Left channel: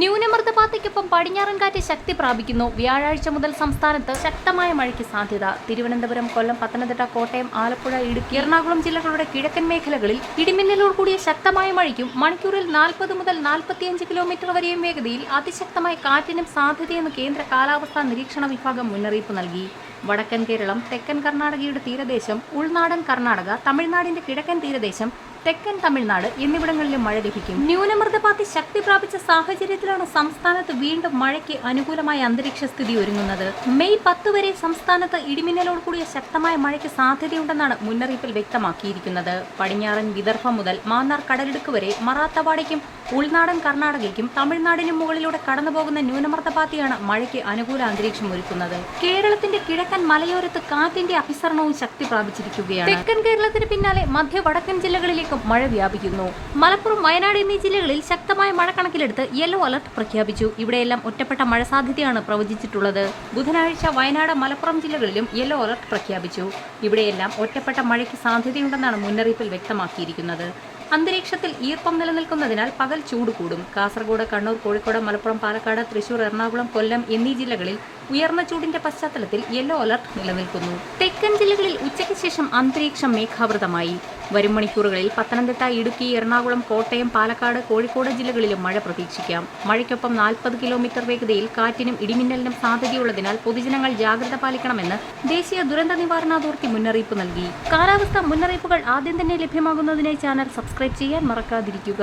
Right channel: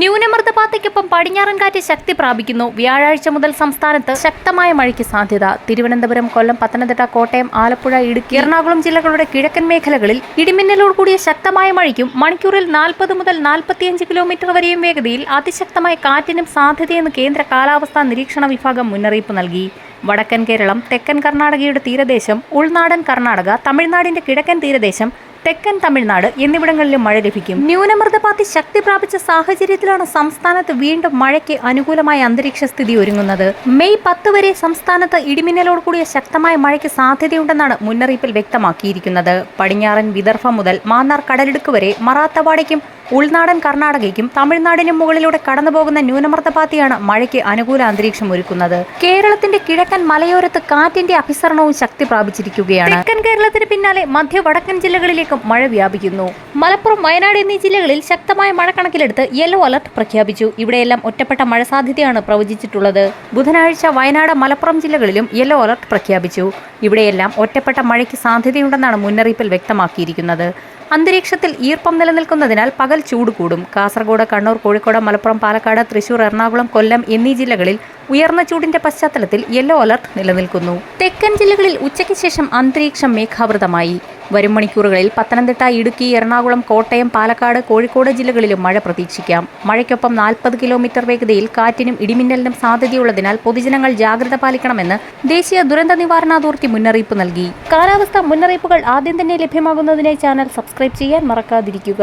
ന്യൂനമർദ്ദപാതയ്ക്കൊപ്പം പടിഞ്ഞാറൻ കാറ്റ് ശക്തി പ്രാപിക്കുന്നു. വ്യാഴാഴ്ച മുതൽ സംസ്ഥാനത്ത് ശക്തമായ മഴയ്ക്ക് സാധ്യത. തിരുവനന്തപുരം, കൊല്ലം, പത്തനംതിട്ട, കോട്ടയം, ആലപ്പുഴ, ഇടുക്കി, എറണാകുളം ജില്ലകളുടെ കിഴക്കൻ മേഖലകളിൽ ഇടിമിന്നലോട് കൂടിയ ശക്തമായ മഴയ്ക്കും മണിക്കൂറിൽ 40 മുതൽ 45 കിലോമീറ്റർ വരെയും വേഗതയിൽ അതിശക്തമായ കാറ്റിനും സാധ്യതയെന്ന് കേന്ദ്ര കാലാവസ്ഥാ നിരീക്ഷണ വിഭാഗം മുന്നറിയിപ്പ് നൽകി. വടക്കൻ കേരളം, തെക്കൻ കർണാടകയുടെ തീരദേശം, ഉൾനാടൻ കർണാടക, തമിഴ്നാടിന്റെ കിഴക്കൻ തീരദേശം, തെക്കൻ തമിഴ്നാട് എന്നിവിടങ്ങളിലും മഴ ലഭിക്കും. ന്യൂനമർദ്ദപാത്തി ശക്തി പ്രാപിച്ച സാഹചര്യത്തിലാണ് സംസ്ഥാനത്ത് വീണ്ടും മഴയ്ക്ക് അനുകൂലമായ അന്തരീക്ഷ സ്ഥിതി ഒരുങ്ങുന്നത്. മെയ് 10 വരെ സംസ്ഥാനത്ത് ഇടിമിന്നലോട് കൂടിയ ശക്തമായ മഴയ്ക്ക് സാധ്യതയുണ്ടെന്നാണ് മുന്നറിയിപ്പിൽ വ്യക്തമാക്കിയിരിക്കുന്നത്. പടിഞ്ഞാറൻ വിദർഭ മുതൽ മാന്നാർ കടലിടുക്ക് വരെ മറാത്തവാടയ്ക്കും ഉൾനാടൻ കർണാടകയ്ക്കും തമിഴ്നാടിനും മുകളിലൂടെ കടന്നുപോകുന്ന ന്യൂനമർദ്ദപാത്തിയാണ് മഴയ്ക്ക് അനുകൂല അന്തരീക്ഷം ഒരുക്കുന്നത്. കേരളത്തിന്റെ കിഴക്കൻ മലയോരത്ത് കാറ്റിന്റെ അഭിസരണവും ശക്തി പ്രാപിച്ചിരിക്കുകയാണ്. തെക്കൻ കേരളത്തിന് പിന്നാലെ മധ്യ വടക്കൻ ജില്ലകളിലേക്കും മഴ വ്യാപിക്കുന്നു. മലപ്പുറം, വയനാട് എന്നീ ജില്ലകളിൽ ശക്തമായ മഴ കണക്കിലെടുത്ത് യെല്ലോ അലർട്ട് പ്രഖ്യാപിച്ചു. ഇവിടെയെല്ലാം ഒറ്റപ്പെട്ട മഴ സാധ്യതയാണ് പ്രവചിച്ചിട്ടുള്ളത്. ബുധനാഴ്ച വയനാട്, മലപ്പുറം ജില്ലകളിലും യെല്ലോ അലർട്ട് പ്രഖ്യാപിച്ചു. ഇവിടെയെല്ലാം ഒറ്റപ്പെട്ട മഴയ്ക്ക് സാധ്യതയുണ്ടെന്നാണ് മുന്നറിയിപ്പിൽ വ്യക്തമാക്കിയിരിക്കുന്നത്. അന്തരീക്ഷത്തിൽ ഈർപ്പം നിലനിൽക്കുന്നതിനാൽ പകൽ ചൂട് കൂടും. കാസർഗോഡ്, കണ്ണൂർ, കോഴിക്കോട്, മലപ്പുറം, പാലക്കാട്, തൃശൂർ, എറണാകുളം, കൊല്ലം എന്നീ ജില്ലകളിൽ ഉയർന്ന ചൂടിന്റെ പശ്ചാത്തലത്തിൽ യെല്ലോ അലർട്ട് നിലനിൽക്കുന്നു. തെക്കൻ ജില്ലകളിൽ ഉച്ചയ്ക്ക് ശേഷം അന്തരീക്ഷം മേഘാവൃതമായി. വരും മണിക്കൂറുകളിൽ പത്തനംതിട്ട, ഇടുക്കി, എറണാകുളം, കോട്ടയം, പാലക്കാട്, കോഴിക്കോട് ജില്ലകളിലും മഴ പ്രതീക്ഷിക്കാം. മഴയ്ക്കൊപ്പം 40 കിലോമീറ്റർ വേഗതയിൽ കാറ്റിനും ഇടിമിന്നലിനും സാധ്യതയുള്ളതിനാൽ പൊതുജനങ്ങൾ ജാഗ്രത പാലിക്കണമെന്ന് ദേശീയ ദുരന്ത നിവാരണ അതോറിറ്റി മുന്നറിയിപ്പ് നൽകി. കാലാവസ്ഥാ മുന്നറിയിപ്പുകൾ ആദ്യം തന്നെ ലഭ്യമാകുന്നതിനായി ചാനൽ സബ്സ്ക്രൈബ് ചെയ്യാൻ മറക്കാതിരിക്കുക.